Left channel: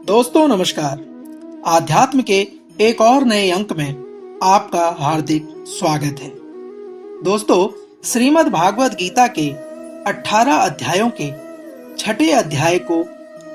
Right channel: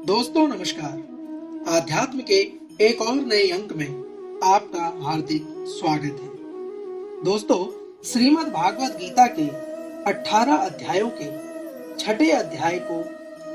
दोस्तों नमस्कार। आध्यात्म के एक और नए अंक में आपका हार्दिक स्वागत है। दोस्तों, श्रीमद् भागवत गीता के 18 अध्यायों के छठे अध्याय को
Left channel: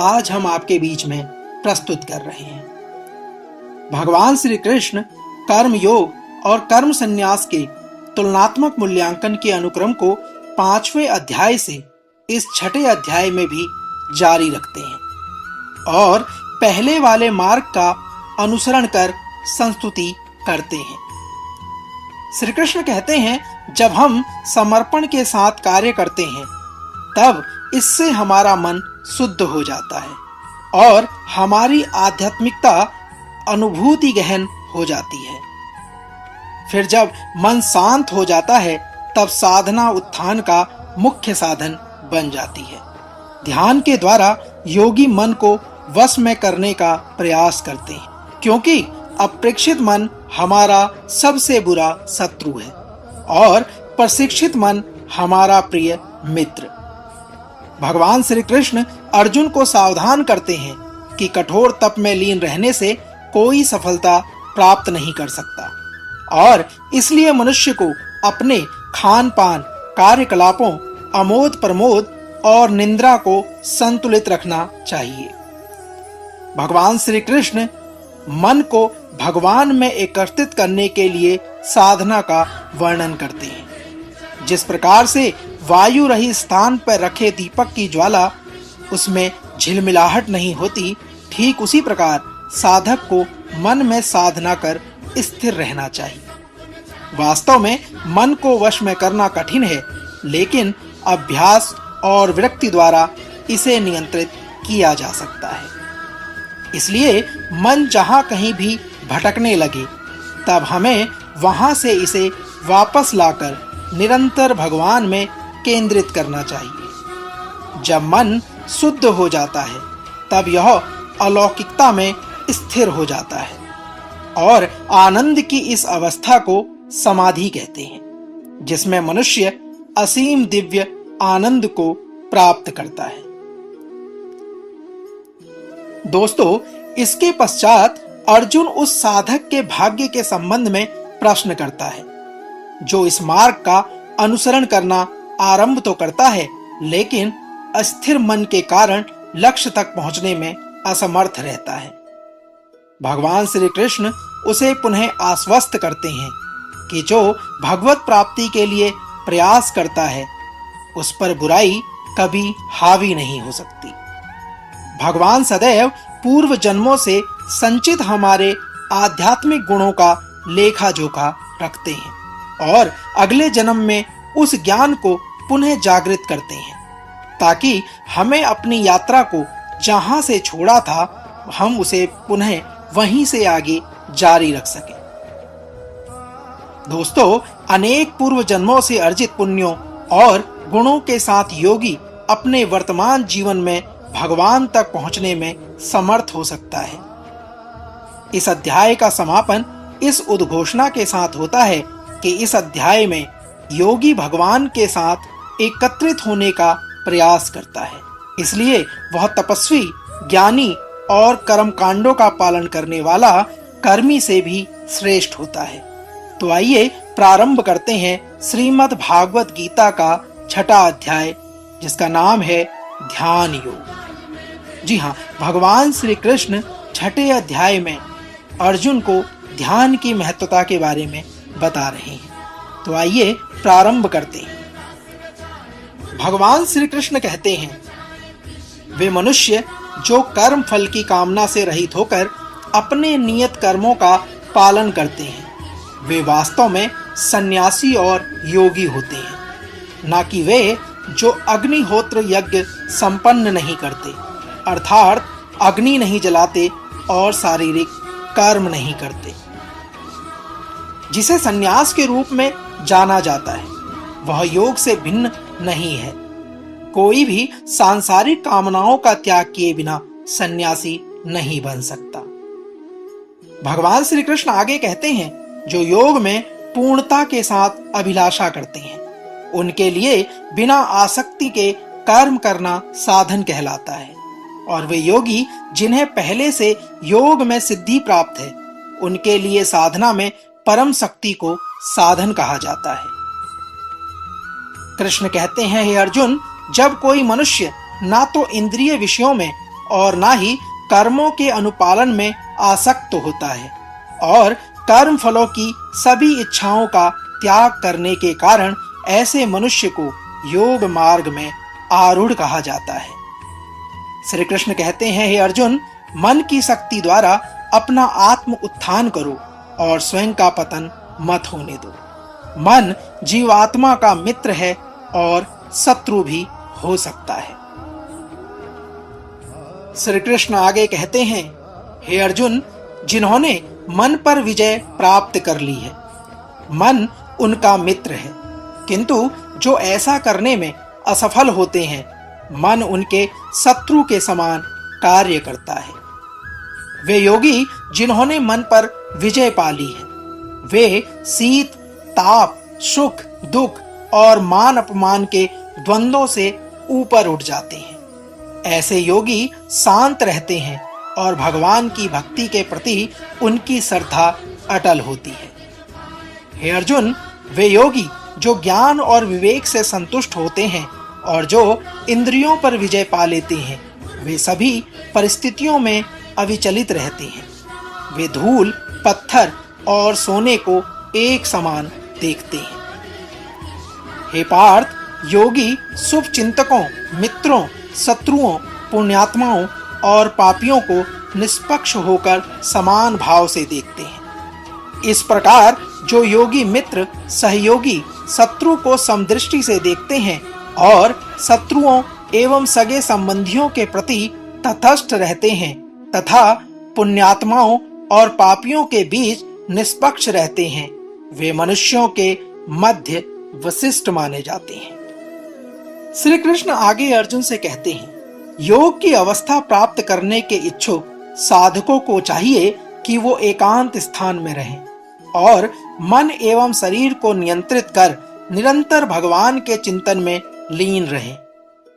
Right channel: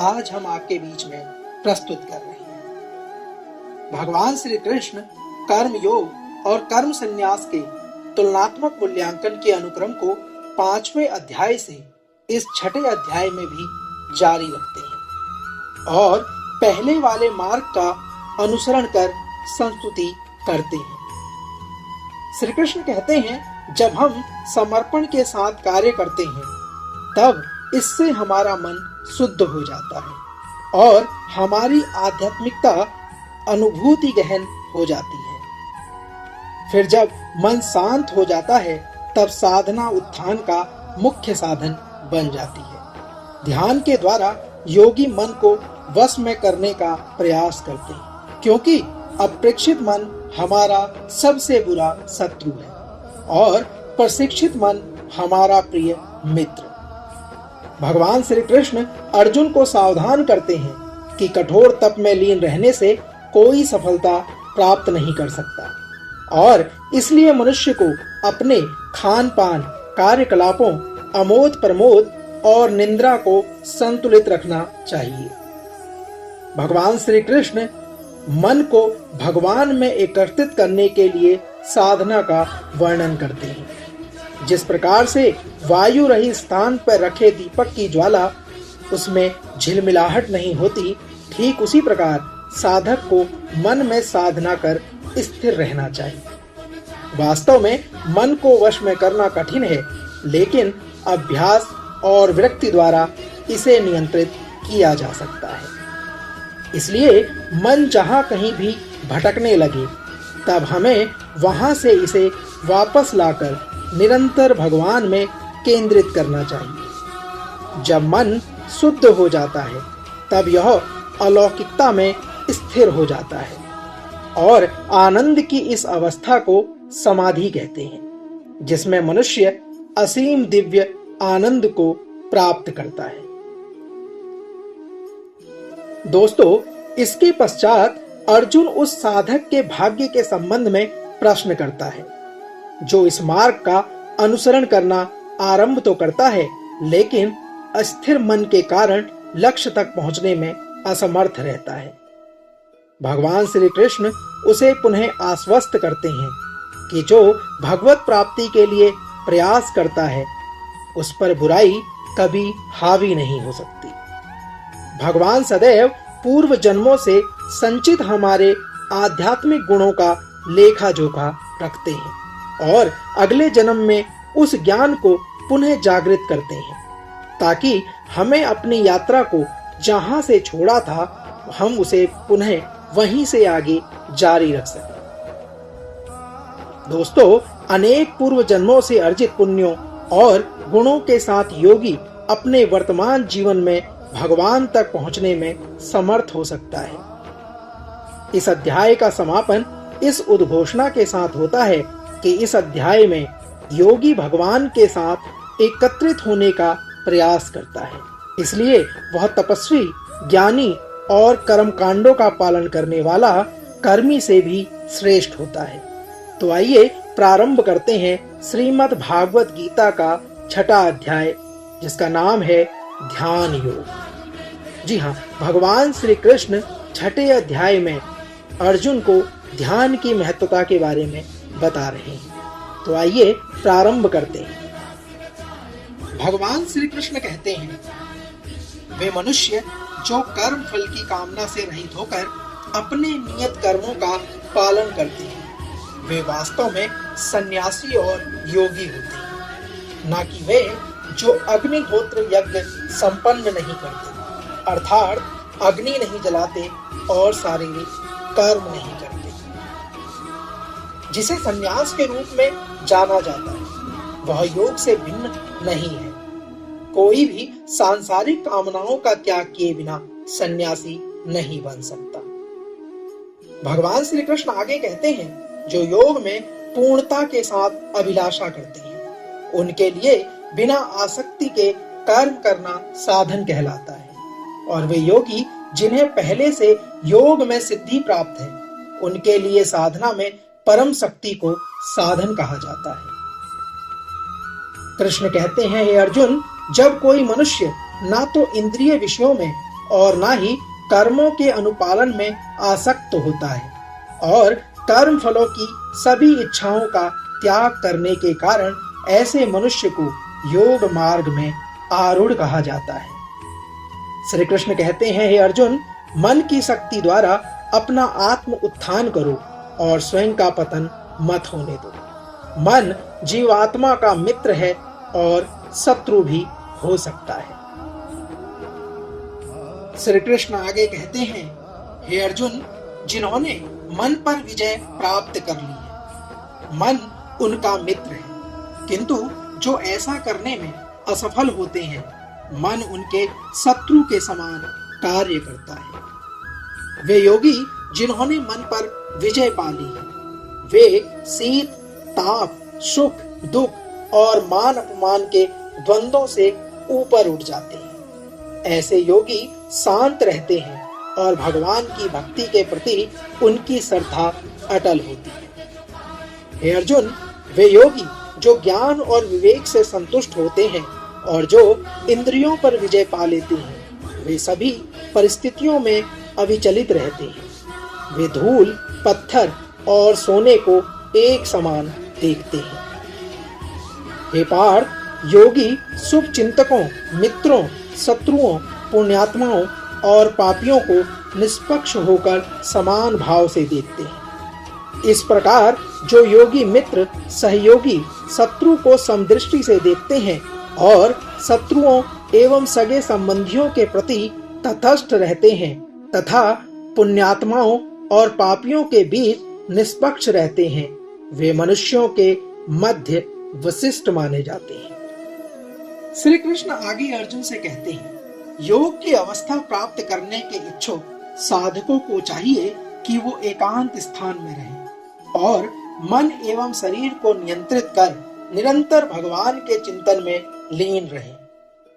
आज हम आपके बीच में प्रस्तुत कर रहे हैं। भगवान श्री कृष्ण कर्म योग और कर्म संन्यास के तुलनात्मक मूल्यांकन के अनुक्रम को 5वें अध्याय से इस छठे अध्याय में भी जारी रखते हैं और पहले वाले मार्ग का अनुसरण कर संस्तुति करते हैं। श्री कृष्ण कहते हैं, जब हम समर्पण के साथ कार्य करते हैं तब इससे हमारा मन शुद्ध हो जाता है और हमारी आध्यात्मिकता अनुभूति गहन हो जाती है। फिर जब मन शांत हो जाता है तब साधना उत्थान का मुख्य साधन बन जाती है। ध्यान के द्वारा योगी मन को वश में करने का प्रयास करते हैं, क्योंकि अप्रेक्षित मन हमारा सबसे बुरा शत्रु है और प्रशिक्षित मन हमारा प्रिय मित्र। भगवान श्री कृष्ण अर्जुन को सावधान करते हैं कि कठोर तप में लीन रहने से कोई सफलता प्राप्त नहीं कर सकता और इसलिए मनुष्य को अपने खान पान, कार्यकलापों, अमोद प्रमोद और निंद्रा को संतुलित रखना चाहिए। भगवान श्री कृष्ण मन को भगवान में एकत्रित करने के लिए साधना का वर्णन करते हैं। जिस प्रकार से वायु रहित स्थान पर रखे दीपक की ज्वाला उसमें झिलमिलाहट नहीं होती, ठीक उसी प्रकार साधक को मन में साधना कर स्थिर रहना चाहिए। वास्तव में मन को वश में करना कठिन है, लेकिन अभ्यास और विरक्ति द्वारा इसे नियंत्रित किया जा सकता है। इसलिए मन जहाँ कहीं भी भटकने लगे तब हमें वहां से इसे वापस लाकर निरंतर भगवान में केंद्रित करना चाहिए। जब मन शुद्ध हो जाता है तब यह अलौकिकता में स्थिर हो जाता है और आनंद की इस अवस्था को समाधि कहते हैं, जिसमें मनुष्य असीम दिव्य आनंद को प्राप्त करता है। दोस्तों, इसके पश्चात अर्जुन उस साधक के भाग्य के संबंध में प्रश्न करता है जो इस मार्ग का अनुसरण करना आरंभ तो करता है, लेकिन अस्थिर मन के कारण लक्ष्य तक पहुंचने में असमर्थ रहता है। भगवान श्री कृष्ण उसे पुनः आश्वस्त करते हैं कि जो भगवत प्राप्ति के लिए प्रयास करता है उस पर बुराई कभी हावी नहीं हो सकती। भगवान सदैव पूर्व जन्मों से संचित हमारे आध्यात्मिक गुणों का लेखा जोखा रखते हैं और अगले जन्म में उस ज्ञान को पुनः जागृत करते हैं, ताकि हमें अपनी यात्रा को जहां से छोड़ा था हम उसे पुनः वहीं से आगे जारी रख सकें। दोस्तों, अनेक पूर्व जन्मों से अर्जित पुण्यों और गुणों के साथ योगी अपने वर्तमान जीवन में भगवान तक पहुंचने में समर्थ हो सकता है। इस अध्याय का समापन इस उद्घोषणा के साथ होता है कि इस अध्याय में योगी भगवान के साथ एकत्रित होने का प्रयास करता है, इसलिए वह तपस्वी, ज्ञानी और कर्म कांडों का पालन करने वाला कर्मी से भी श्रेष्ठ होता है। तो आइए प्रारंभ करते हैं श्रीमद् भागवत गीता का छठा अध्याय, जिसका नाम है ध्यान योग। जी हाँ, भगवान श्री कृष्ण छठे अध्याय में अर्जुन को ध्यान की महत्वता के बारे में बता रहे हैं। तो आइए प्रारंभ करते हैं। भगवान श्री कृष्ण कहते हैं, वे मनुष्य जो कर्म फल की कामना से रहित होकर अपने नियत कर्मों का पालन करते हैं, वे वास्तव में सन्यासी और योगी होते हैं, ना कि वे जो अग्निहोत्र यज्ञ संपन्न नहीं करते, अर्थात अग्नि नहीं जलाते और शारीरिक कर्म नहीं करते। जिसे सन्यास के रूप में जाना जाता है वह योग से भिन्न नहीं है। कोई भी सांसारिक कामनाओं का त्याग किए बिना सन्यासी नहीं बन सकता। भगवान श्री कृष्ण आगे कहते हैं, जो योग में पूर्णता के साथ अभिलाषा करते हैं उनके लिए बिना आसक्ति के कर्म करना साधन कहलाता है और वे योगी जिन्हें पहले से योग में सिद्धि प्राप्त है, उनके लिए साधना में परम शक्ति को साधन कहा जाता है। कृष्ण कहते हैं, हे अर्जुन, जब कोई मनुष्य ना तो इंद्रिय विषयों में और ना ही कर्मों के अनुपालन में आसक्त होता है और कर्म फलों की सभी इच्छाओं का त्याग करने के कारण ऐसे मनुष्य को योग मार्ग में आरूढ़ कहा जाता है। श्री कृष्ण कहते हैं, हे अर्जुन, मन की शक्ति द्वारा अपना आत्म उत्थान करो और स्वयं का पतन मत होने दो। मन जीवात्मा का मित्र है और शत्रु भी हो सकता है। श्री कृष्ण आगे कहते हैं, हे अर्जुन, जिन्होंने मन पर विजय प्राप्त कर ली है, मन उनका मित्र है, किंतु जो ऐसा करने में असफल होते हैं, मन उनके शत्रु के समान कार्य करता है। वे योगी जिन्होंने मन पर विजय पा ली है, वे शीत, ताप, सुख, दुख और मान अपमान के द्वंद्वों से ऊपर उठ जाते हैं। ऐसे योगी शांत रहते हैं और भगवान की भक्ति के प्रति उनकी श्रद्धा अटल होती है। हे अर्जुन, वे योगी जो ज्ञान और विवेक से संतुष्ट होते हैं और जो इंद्रियों पर विजय पा लेते हैं, वे सभी परिस्थितियों में अविचलित रहते हैं। वे धूल, पत्थर और सोने को एक समान देखते हैं। हे पार्थ, योगी शुभ चिंतकों, मित्रों, शत्रुओं, पुण्यात्माओं और पापियों को निष्पक्ष होकर समान भाव से देखते हैं। इस प्रकार जो योगी मित्र, सहयोगी, शत्रु को समदृष्टि से देखते हैं और शत्रुओं एवं सगे संबंधियों के प्रति तटस्थ रहते हैं तथा पुण्यात्माओं और पापियों के बीच निष्पक्ष रहते हैं, वे मनुष्यों के मध्य वशिष्ठ माने जाते हैं। श्री कृष्ण आगे अर्जुन से कहते हैं, योग की अवस्था प्राप्त करने के इच्छुक साधकों को चाहिए कि वो एकांत स्थान में रहें और मन एवं शरीर को नियंत्रित कर निरंतर भगवान के चिंतन में लीन रहें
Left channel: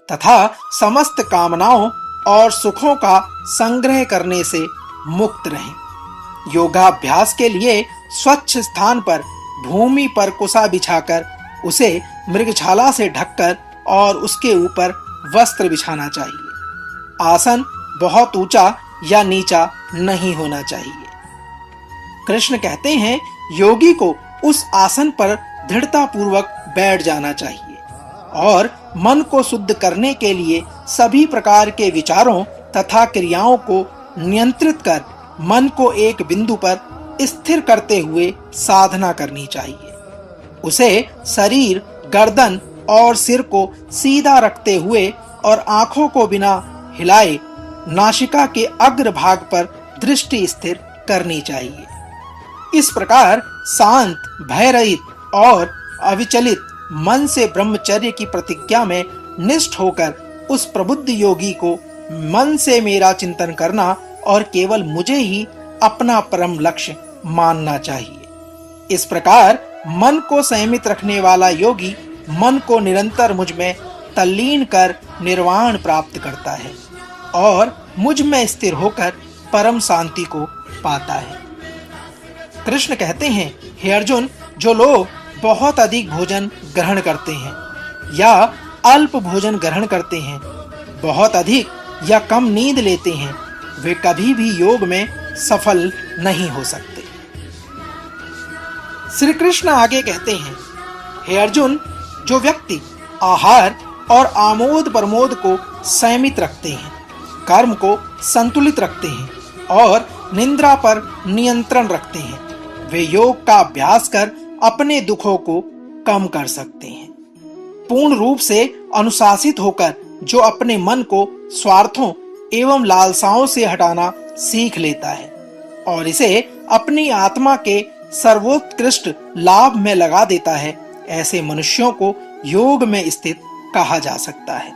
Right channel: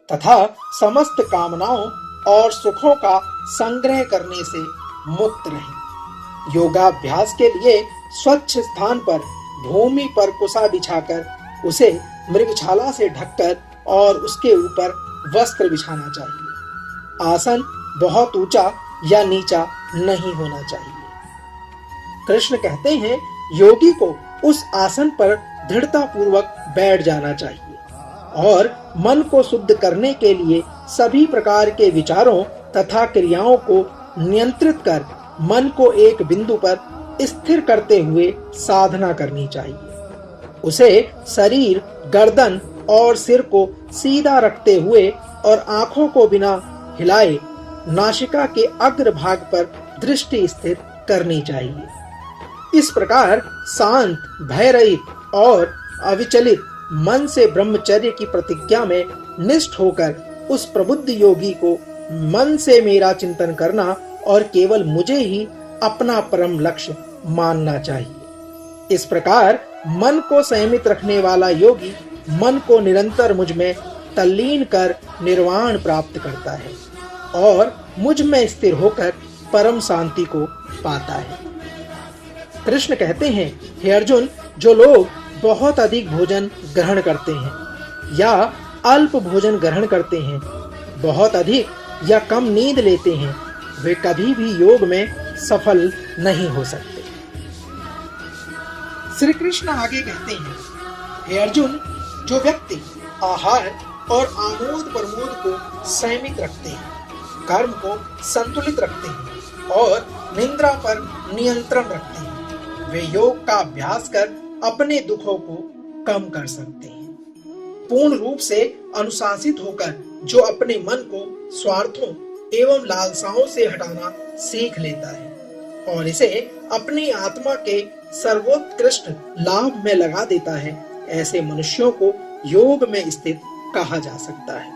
तथा समस्त कामनाओं और सुखों का संग्रह करने से मुक्त रहें। योगाभ्यास के लिए स्वच्छ स्थान पर भूमि पर कुसा बिछाकर उसे मृगछाला से ढककर और उसके ऊपर वस्त्र बिछाना चाहिए। आसन बहुत ऊंचा या नीचा नहीं होना चाहिए। कृष्ण कहते हैं, योगी को उस आसन पर दृढ़ता पूर्वक बैठ जाना चाहिए और मन को शुद्ध करने के लिए सभी प्रकार के विचारों तथा क्रियाओं को नियंत्रित कर मन को एक बिंदु पर स्थिर करते हुए साधना करनी चाहिए। उसे शरीर, गर्दन और सिर को सीधा रखते हुए और आंखों को बिना हिलाए नासिका के अग्र भाग पर दृष्टि स्थिर करनी चाहिए। इस प्रकार शांत, भयरहित और अविचलित मन से ब्रह्मचर्य की प्रतिज्ञा में निष्ठ होकर उस प्रबुद्ध योगी को मन से मेरा चिंतन करना और केवल मुझे ही अपना परम लक्ष्य मानना चाहिए। इस प्रकार मन को संयमित रखने वाला योगी मन को निरंतर मुझ में तल्लीन कर निर्वाण प्राप्त करता है और मुझ में स्थिर होकर परम शांति को पाता है। कृष्ण कहते हैं, हे अर्जुन, जो लोग बहुत अधिक भोजन ग्रहण करते हैं या अल्प भोजन ग्रहण करते हैं, बहुत अधिक या कम नींद लेते हैं, वे कभी भी योग में सफल नहीं हो सकते। श्री कृष्ण आगे कहते हैं, हे अर्जुन, जो व्यक्ति आहार और आमोद प्रमोद को संयमित रखते हैं, कर्म को संतुलित रखते हैं और निंद्रा पर नियंत्रण रखते हैं, वे योग का अभ्यास कर अपने दुखों को कम कर सकते हैं। पूर्ण रूप से अनुशासित होकर जो अपने मन को स्वार्थों एवं लालसाओं से हटाना सीख लेता है और इसे अपनी आत्मा के सर्वोत्कृष्ट लाभ में लगा देता है, ऐसे मनुष्यों को योग में स्थित कहा जा सकता है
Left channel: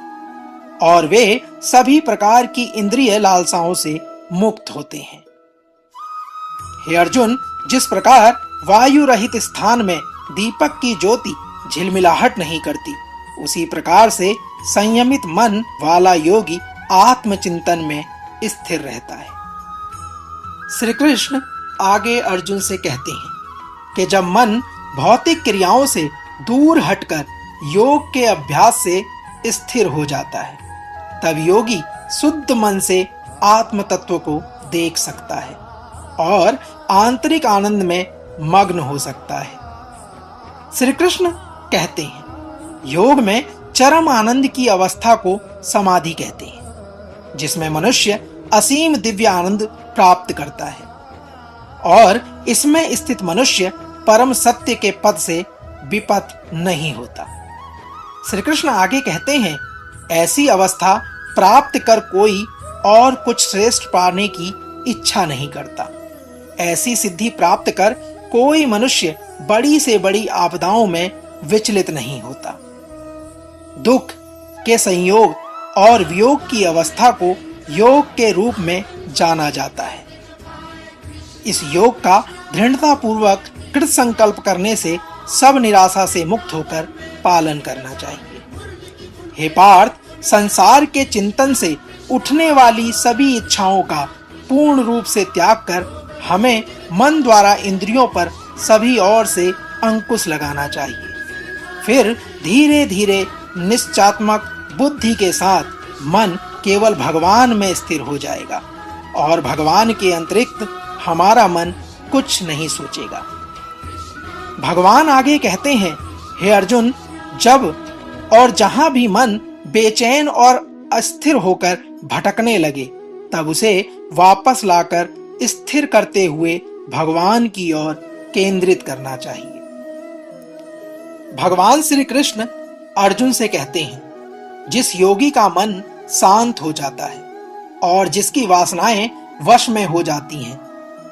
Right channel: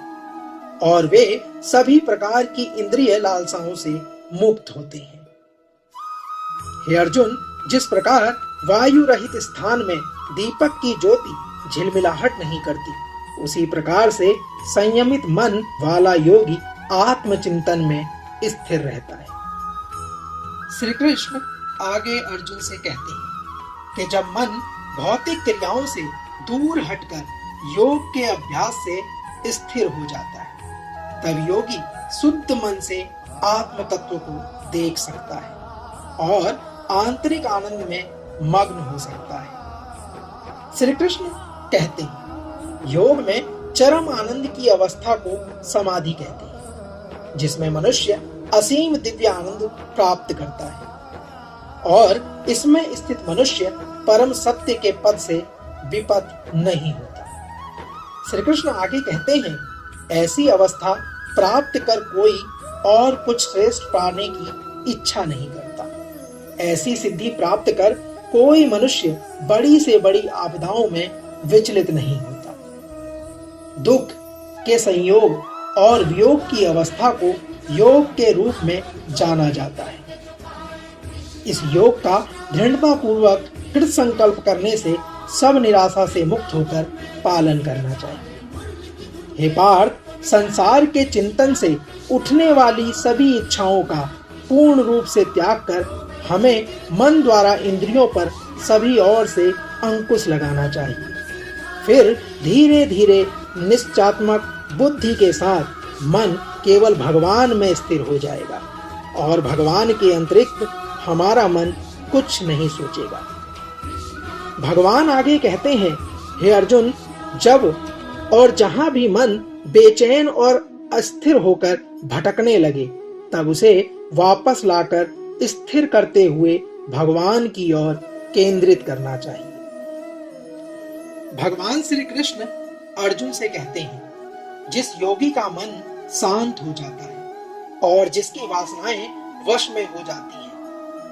और वे सभी प्रकार की इंद्रिय लालसाओं से मुक्त होते हैं। हे अर्जुन, जिस प्रकार वायु रहित स्थान में दीपक की ज्योति झिलमिलाहट नहीं करती, उसी प्रकार से संयमित मन वाला योगी आत्मचिंतन में स्थिर रहता है। श्री कृष्ण आगे अर्जुन से कहते हैं कि जब मन भौतिक क्रियाओं से दूर हटकर योग के अभ्यास से स्थिर हो जाता है, तब योगी शुद्ध मन से आत्म तत्व को देख सकता है और आंतरिक आनंद में मग्न हो सकता है। श्री कृष्ण कहते हैं, योग में चरम आनंद की अवस्था को समाधि कहते हैं, जिसमें मनुष्य असीम दिव्य आनंद प्राप्त करता है और इसमें स्थित मनुष्य परम सत्य के पद से विपत नहीं होता। श्री कृष्ण आगे कहते हैं, ऐसी अवस्था प्राप्त कर कोई और कुछ श्रेष्ठ पाने की इच्छा नहीं करता। ऐसी सिद्धि प्राप्त कर कोई मनुष्य बड़ी से बड़ी आपदाओं में विचलित नहीं होता। दुख के संयोग और वियोग की अवस्था को योग के रूप में जाना जाता है। इस योग का दृढ़ता पूर्वक कृत संकल्प करने से सब निराशा से मुक्त होकर पालन करना चाहिए। हे पार्थ, संसार के चिंतन से उठने वाली सभी इच्छाओं का पूर्ण रूप से त्याग कर हमें मन द्वारा इंद्रियों पर सभी ओर से अंकुश लगाना चाहिए। फिर धीरे धीरे निश्चयात्मक बुद्धि के साथ मन केवल भगवान में स्थिर हो जाएगा और भगवान के अतिरिक्त हमारा मन कुछ नहीं सोचेगा। भगवान आगे कहते हैं, हे अर्जुन, जब और जहां भी मन बेचैन और अस्थिर होकर भटकने लगे, तब उसे वापस लाकर स्थिर करते हुए भगवान की ओर केंद्रित करना चाहिए। भगवान श्री कृष्ण अर्जुन से कहते हैं, जिस योगी का मन शांत हो जाता है और जिसकी वासनाएं वश में हो जाती हैं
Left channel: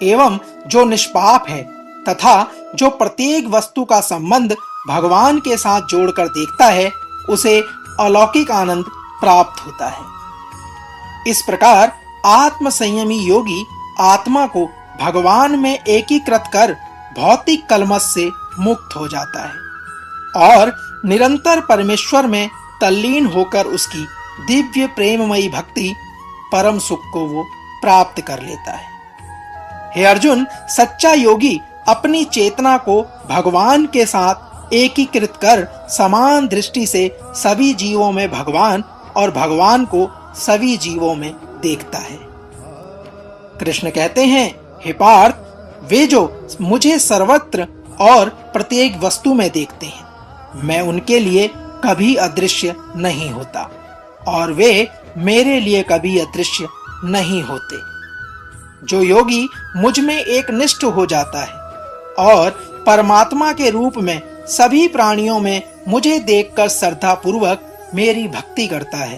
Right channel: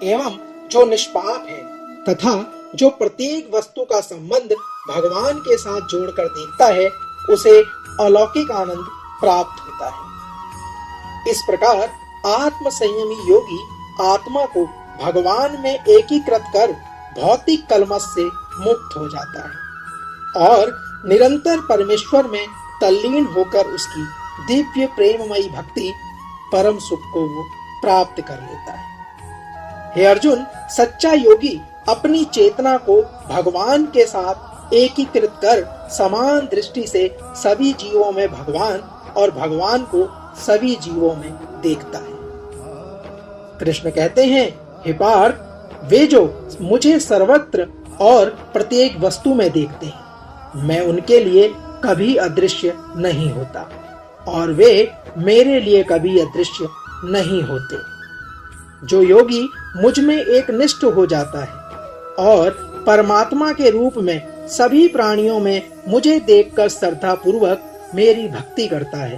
एवं जो निष्पाप है तथा जो प्रत्येक वस्तु का संबंध भगवान के साथ जोड़कर देखता है, उसे अलौकिक आनंद प्राप्त होता है। इस प्रकार आत्म संयमी योगी आत्मा को भगवान में एकीकृत कर भौतिक कलमश से मुक्त हो जाता है और निरंतर परमेश्वर में तल्लीन होकर उसकी दिव्य प्रेममयी भक्ति परम सुख को वो प्राप्त कर लेता है। हे अर्जुन, सच्चा योगी अपनी चेतना को भगवान के साथ एकीकृत कर समान दृष्टि से सभी जीवों में भगवान और भगवान को सभी जीवों में देखता है। कृष्ण कहते हैं, हे पार्थ, वे जो मुझे सर्वत्र और प्रत्येक वस्तु में देखते हैं, मैं उनके लिए कभी अदृश्य नहीं होता और वे मेरे लिए कभी अदृश्य नहीं होते। जो योगी मुझ में एक निष्ठ हो जाता है और परमात्मा के रूप में सभी प्राणियों में मुझे देखकर श्रद्धा पूर्वक मेरी भक्ति करता है,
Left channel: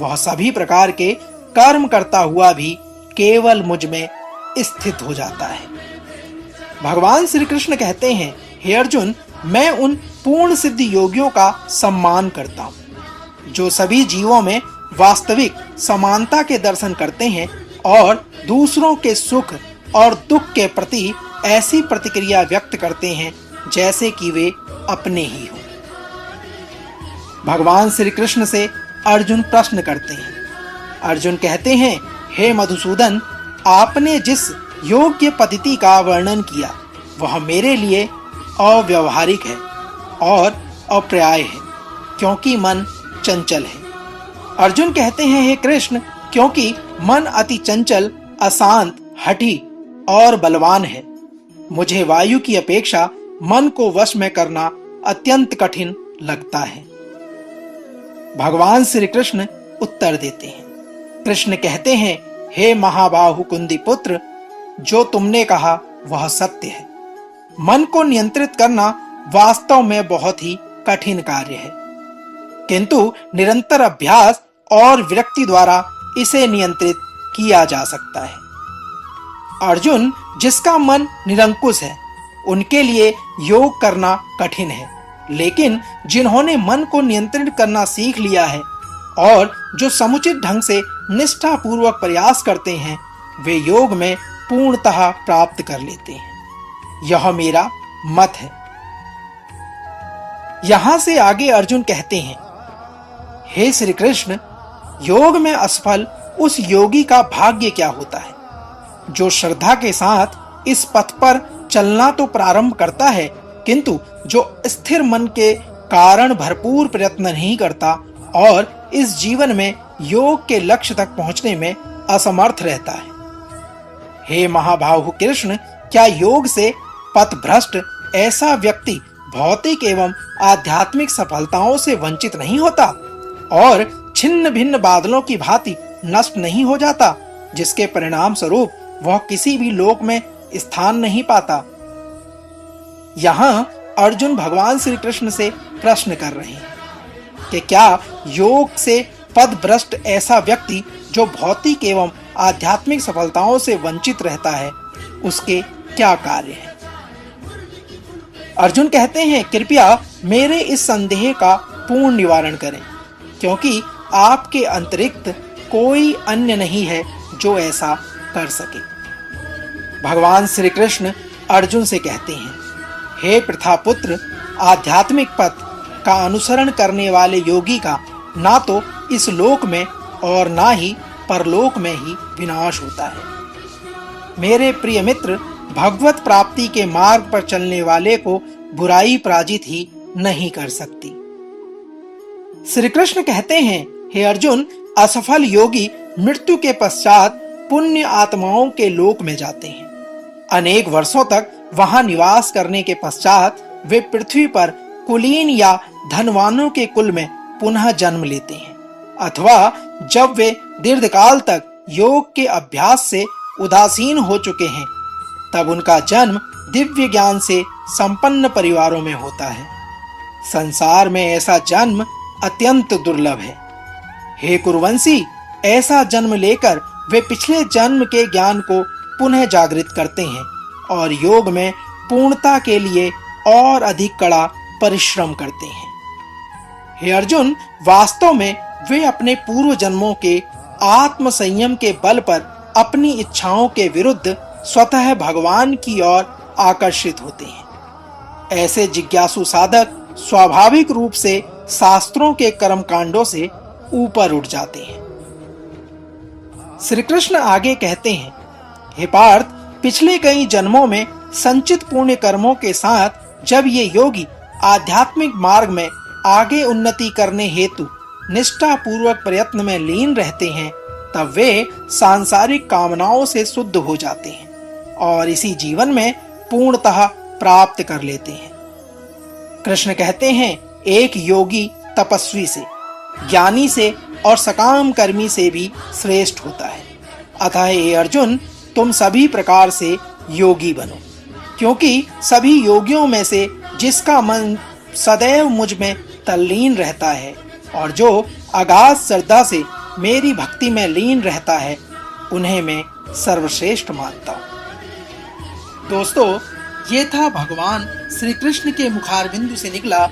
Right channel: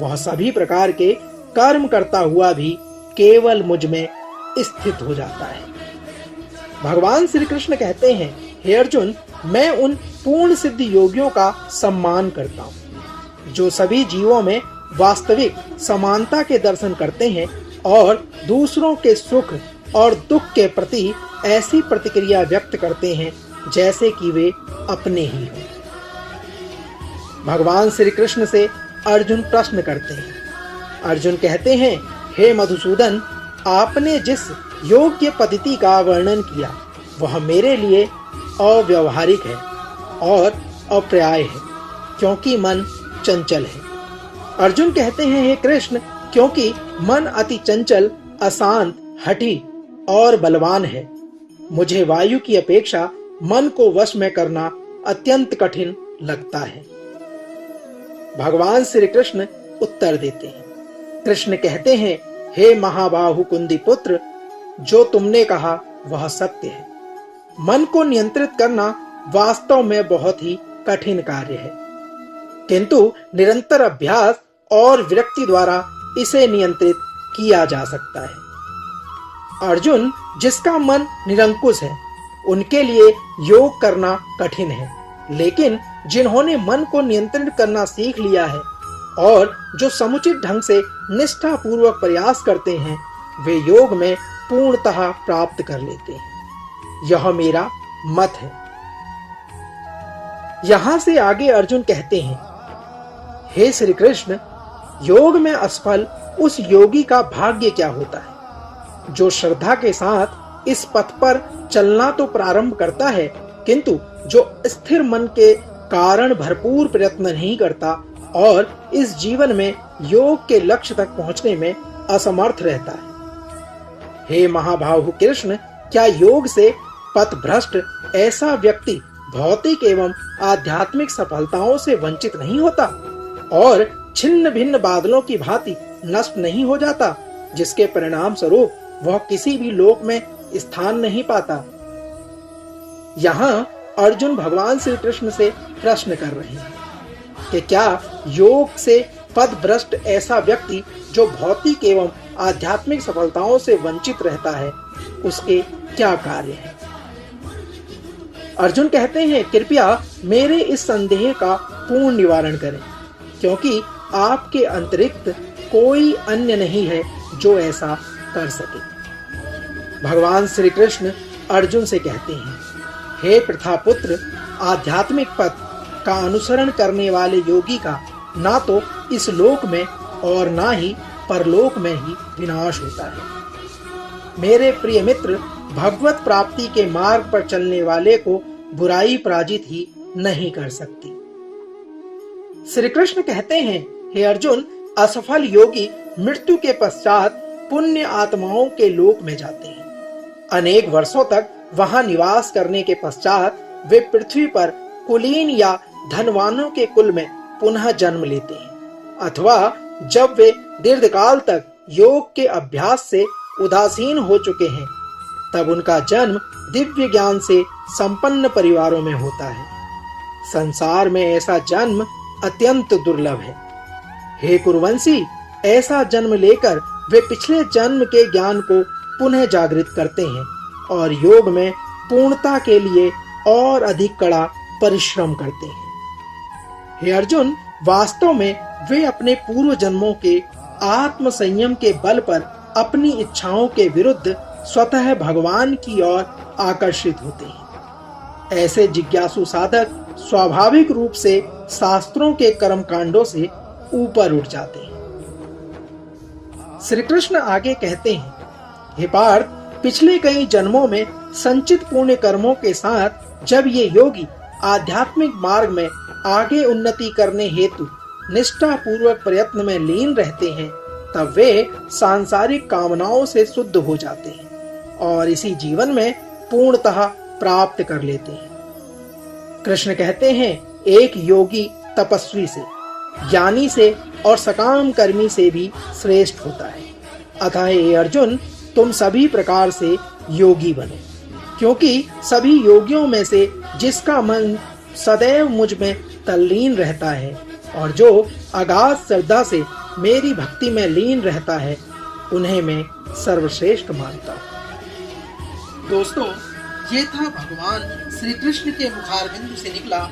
वह सभी प्रकार के कर्म करता हुआ भी केवल मुझ में स्थित हो जाता है। भगवान श्री कृष्ण कहते हैं, हे अर्जुन, मैं उन पूर्ण सिद्ध योगियों का सम्मान करता हूँ जो सभी जीवों में वास्तविक समानता के दर्शन करते हैं और दूसरों के सुख और दुख के प्रति ऐसी प्रतिक्रिया व्यक्त करते हैं जैसे कि वे अपने ही हों। भगवान श्री कृष्ण से अर्जुन प्रश्न करते हैं। अर्जुन कहते हैं, हे मधुसूदन, आपने जिस योग्य पद्धति का वर्णन किया वह मेरे लिए अव्यवहारिक है और अप्राय है, क्योंकि मन चंचल है। अर्जुन कहते हैं, हे कृष्ण, क्योंकि मन अति चंचल, अशांत, हठी और बलवान है, मुझे वायु की अपेक्षा मन को वश में करना अत्यंत कठिन लगता है। भगवान श्री कृष्ण उत्तर देते हैं। कृष्ण कहते हैं, हे महाबाहु कुंदी पुत्र, जो तुमने कहा वह सत्य है। मन को नियंत्रित करना वास्तव में बहुत ही कठिन कार्य है, किंतु निरंतर अभ्यास और विरक्ति द्वारा इसे नियंत्रित किया जा सकता है। अर्जुन, जिसका मन निरंकुश है उनके लिए योग करना कठिन है, लेकिन जिन्होंने मन को नियंत्रित करना सीख लिया है और जो समुचित ढंग से निष्ठा पूर्वक प्रयास करते हैं, वे योग में पूर्णतः प्राप्त कर लेते हैं। यह मेरा मत है। यहाँ से आगे अर्जुन कहते हैं, हे श्री कृष्ण, योग में असफल उस योगी का भाग्य क्या होता है जो श्रद्धा के साथ इस पथ पर चलना तो प्रारंभ करता है, किंतु जो स्थिर मन के कारण भरपूर प्रयत्न नहीं करता और इस जीवन में योग के लक्ष्य तक पहुंचने में असमर्थ रहता है। हे महाबाहु कृष्ण, क्या योग से पथभ्रष्ट ऐसा व्यक्ति भौतिक एवं आध्यात्मिक सफलताओं से वंचित नहीं होता और छिन्न भिन्न बादलों की भांति नष्ट नहीं हो जाता, जिसके परिणाम स्वरूप वह किसी भी लोक में स्थान नहीं पाता? यहाँ अर्जुन भगवान श्री कृष्ण से प्रश्न कर रहे हैं कि क्या योग से पथभ्रष्ट ऐसा व्यक्ति जो भौतिक एवं आध्यात्मिक सफलताओं से वंचित रहता है, उसके क्या कार्य है? अर्जुन कहते हैं, कृपया मेरे इस संदेह का पूर्ण निवारण करें, क्योंकि आपके अतिरिक्त कोई अन्य नहीं है जो ऐसा कर सके। भगवान श्री कृष्ण अर्जुन से कहते हैं, हे प्रथापुत्र, आध्यात्मिक पथ का अनुसरण करने वाले योगी का ना तो इस लोक में और ना ही परलोक में ही विनाश होता है। मेरे प्रिय मित्र, भगवत प्राप्ति के मार्ग पर चलने वाले को बुराई पराजित ही नहीं कर सकती। श्री कृष्ण कहते हैं, हे अर्जुन, असफल योगी मृत्यु के पश्चात पुण्य आत्माओं के लोक में जाते हैं। अनेक वर्षों तक वहां निवास करने के पश्चात वे पृथ्वी पर कुलीन या धनवानों के कुल में पुनः जन्म लेते हैं, अथवा जब वे दीर्घकाल तक योग के अभ्यास से उदासीन हो चुके हैं, तब उनका जन्म दिव्य ज्ञान से संपन्न परिवारों में होता है। संसार में ऐसा जन्म अत्यंत दुर्लभ है। हे कुरुवंशी, ऐसा जन्म लेकर वे पिछले जन्म के ज्ञान को पुनः जागृत करते हैं और योग में पूर्णता के लिए और अधिक कड़ा परिश्रम करते हैं। हे अर्जुन, वास्तव में वे अपने पूर्व जन्मों के आत्म संयम के बल पर अपनी इच्छाओं के विरुद्ध स्वतः भगवान की ओर आकर्षित होते हैं। ऐसे जिज्ञासु साधक स्वाभाविक रूप से शास्त्रों के कर्म कांडों से ऊपर उठ जाते हैं। श्री कृष्ण आगे कहते हैं, हे पार्थ, पिछले कई जन्मों में संचित पुण्य कर्मों के साथ जब ये योगी आध्यात्मिक मार्ग में आगे उन्नति करने हेतु निष्ठा पूर्वक प्रयत्न में लीन रहते हैं, तब वे सांसारिक कामनाओं से शुद्ध हो जाते हैं और इसी जीवन में पूर्णतः प्राप्त कर लेते हैं। कृष्ण कहते हैं, एक योगी तपस्वी से, ज्ञानी से और सकाम कर्मी से भी श्रेष्ठ होता है। अतः हे अर्जुन, तुम सभी प्रकार से योगी बनो, क्योंकि सभी योगियों में से जिसका मन सदैव मुझ में तल्लीन रहता है और जो अगाध श्रद्धा से मेरी भक्ति में लीन रहता है, उन्हें मैं सर्वश्रेष्ठ मानता हूँ। दोस्तों, ये था भगवान श्री कृष्ण के मुखारबिंदु से निकला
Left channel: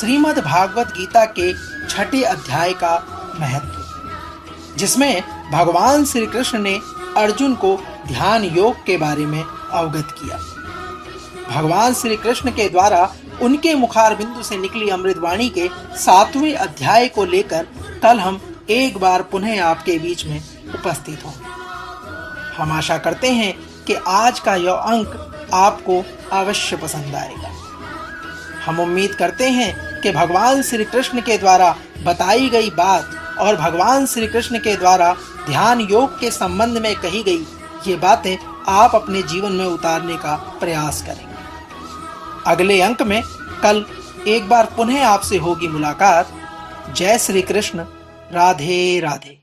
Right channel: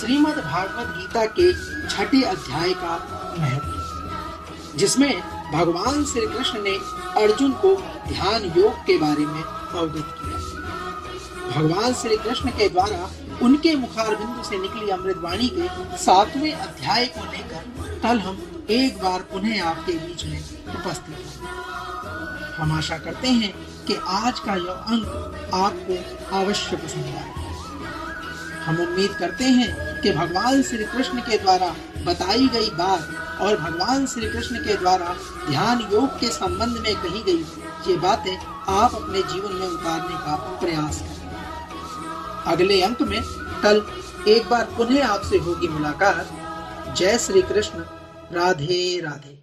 श्रीमद् भागवत गीता के 6 अध्याय का महत्व, जिसमें भगवान श्री कृष्ण ने अर्जुन को ध्यान योग के बारे में अवगत किया। भगवान श्री कृष्ण के द्वारा उनके मुखारबिंदु से निकली अमृतवाणी के 7वें अध्याय को लेकर कल हम एक बार पुनः आपके बीच में उपस्थित होंगे। हम आशा करते हैं कि आज का यह अंक आपको अवश्य पसंद आएगा। हम उम्मीद करते हैं कि भगवान श्री कृष्ण के द्वारा बताई गई बात और भगवान श्री कृष्ण के द्वारा ध्यान योग के संबंध में कही गई ये बातें आप अपने जीवन में उतारने का प्रयास करेंगे। अगले अंक में कल एक बार पुनः आपसे होगी मुलाकात। जय श्री कृष्ण। राधे राधे।